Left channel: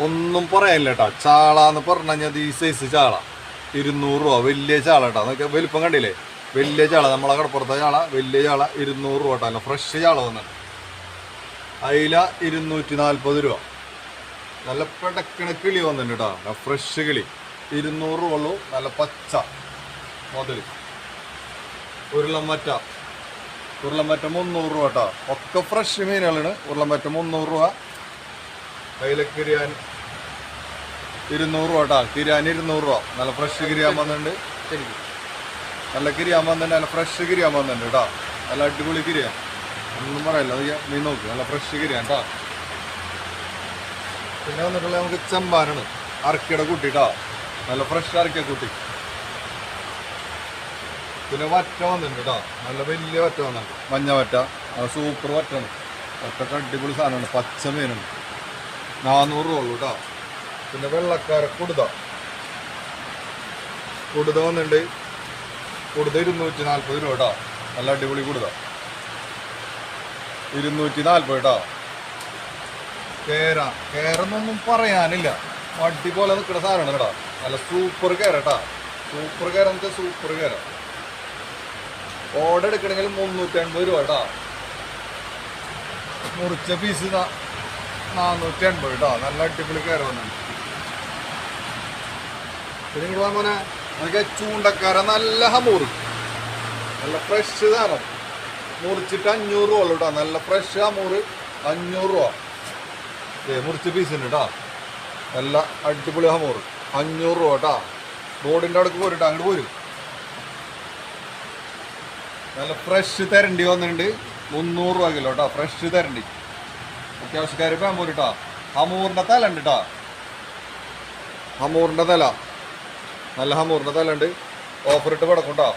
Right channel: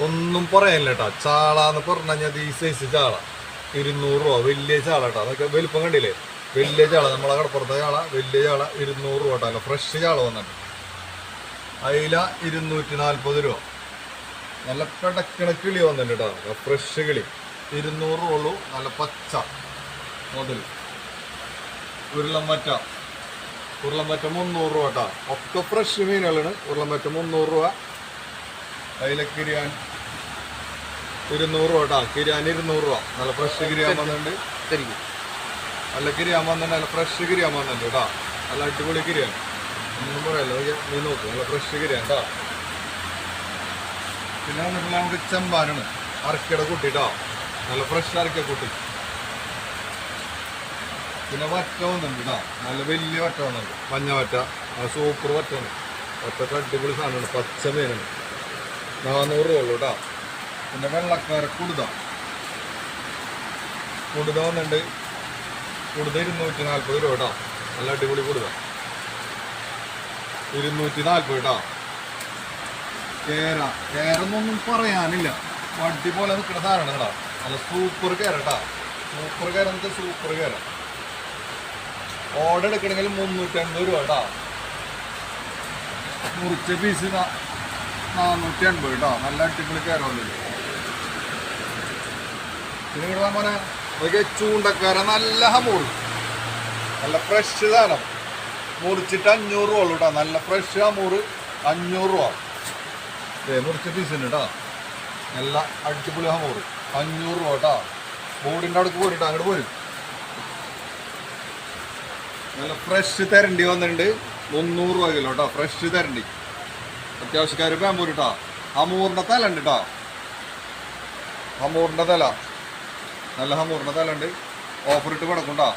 ഒന്നും പറയാനില്ല കേട്ടോ. ചാള എന്ന് പറഞ്ഞു കഴിഞ്ഞാൽ ഈ സൈസ് ചാള. ഇരുന്നൂറ് രൂപ. വലിയ ചാള കേട്ടോ. അതൊക്കെ വലുപ്പം കണ്ടില്ലേ? വലിയ ചാള. നമ്മളെ കടപ്പുറത്തെ ചാള. വലിയ ചാള ഇരുന്നൂറ് രൂപ കേട്ടോ. അല്ല ഫ്രഷ് ചാള വന്നിട്ട് അയില ഇരുന്നൂറ്റി നാൽപ്പത് രൂപ. നല്ല പെടക്കണ കിളി വന്നിട്ടുണ്ട് കേട്ടോ. ഫ്രഷ് കിളി. ഇരുന്നൂറ് രൂപ ഉള്ളൂ. നല്ല പച്ച മുതൽ ഉരുളമറ്റ ഉരുളമറ്റ മുന്നൂറ് രൂപ കേട്ടോ. ഒക്കെ ഫ്രഷ് മീനുകളാണ്. ഉരുളമറ്റ മുന്നൂറ് രൂപ. കയ്യിലെ കിരിയാൻ ഇരുന്നൂറ് രൂപ കേട്ടോ. കിരിയാൻ ഇരുന്നൂറ് രൂപ. നല്ല ഫ്രഷ് കിരിയാൻ വന്നിട്ടുണ്ട്. ശരിക്കും. നല്ല കിരിയാൻ വന്നിട്ടുണ്ട്. നല്ല ഫ്രഷ് കിരിയാൻ വന്നിട്ടുണ്ട് കേട്ടോ. നല്ല അടിപൊളി കിരിയാൻ ഒന്നും പറയല്ല. നീ നോക്കൂ നോക്ക്. നല്ല ഫ്രഷ് കിരിയാൻ കേട്ടോ. പിന്നെ വന്നിട്ടുള്ള നമുക്ക് ചെമ്പാനാണ്. അറക്കിയുടെ കുട്ടി കേട്ടോ. നല്ല ഫ്രഷ് അറക്കിയ കുട്ടി. പിന്നെ വറ്റ വന്നിട്ടുണ്ട് കേട്ടോ. നല്ല വലിയ വറ്റ വന്നിട്ടുണ്ട്. മഞ്ഞ വറ്റ. സൂപ്പർ വറ്റാണ് വറ്റൊക്കെ അടിപൊളി സാധനമാണ്. പച്ച മീനുണ്ട്. നാനൂറ് രൂപ ഉള്ളൂ കേട്ടോ പിന്നെ വെള്ളക്കാര കുടുത. കുടുത വന്നിട്ടുണ്ട് കുടുത ഇരുന്നൂറ്റി നാൽപ്പത് രൂപ കേട്ടോ നല്ല അടിപൊളി കുടുത. ഇരുന്നൂറ്റി നാൽപ്പത് കേട്ടോ കേര കേരന്നൊന്നും പറയാനില്ല. വട്ടി പോലെ നിൽക്കുന്ന സാധനമാണ് കേട്ടോ. നല്ല സൂപ്പർ കേര കേട്ടോ സൂപ്പർ കേര എന്നിട്ട് സൂപ്പർ കേര. ഓർഡർ എടുക്കണമെങ്കിൽ മുന്നൂറ്റി അൻപത് രൂപ കേട്ടോ മുറിച്ച പീസ് നാനൂറ്റി അൻപത് കേട്ടോ നല്ല അടിപൊളി കയറുന്നുണ്ട് പിന്നെ ഇങ്ങോട്ട് മോനെ അതൊക്കെ ചൂണ്ടക്കാര നല്ല ഹമൂറ് നല്ല ഫ്രഷ് സാധനം. മുറിച്ചിട്ട് അഞ്ഞൂറ് രൂപ ഉള്ളൂ കേട്ടോ നല്ല ഫ്രഷ് ഹമൂറ് അഞ്ഞൂറ് രൂപ. ഏ മുറിച്ച് പീസ് ഉണ്ട് കേട്ടോ നല്ല അടിപൊളി ഹമൂറ് അഞ്ഞൂറ് രൂപ കേട്ടോ ബോർഡിന്റെ അടുക്ക് പോരിട്ടോ. അങ്ങോട്ട് പോരും. നല്ല ഫ്രഷ് തരണ്ടി വന്നിട്ടുണ്ട്. മുന്നൂറ് രൂപ കിലോ കേട്ടോ ഫ്രഷ് തരണ്ടി. അത്യാവശ്യക്കാർ പാമ്പൂര് കേട്ടോ ഹമൂറിന്റെ തല ഉണ്ട് കേട്ടോ ഹമൂറിന്റെ തല. നല്ല ഹമൂറിന്റെ തല ഉണ്ട്. ഓഫർ ഇട്ട് കിടക്കും കേട്ടോ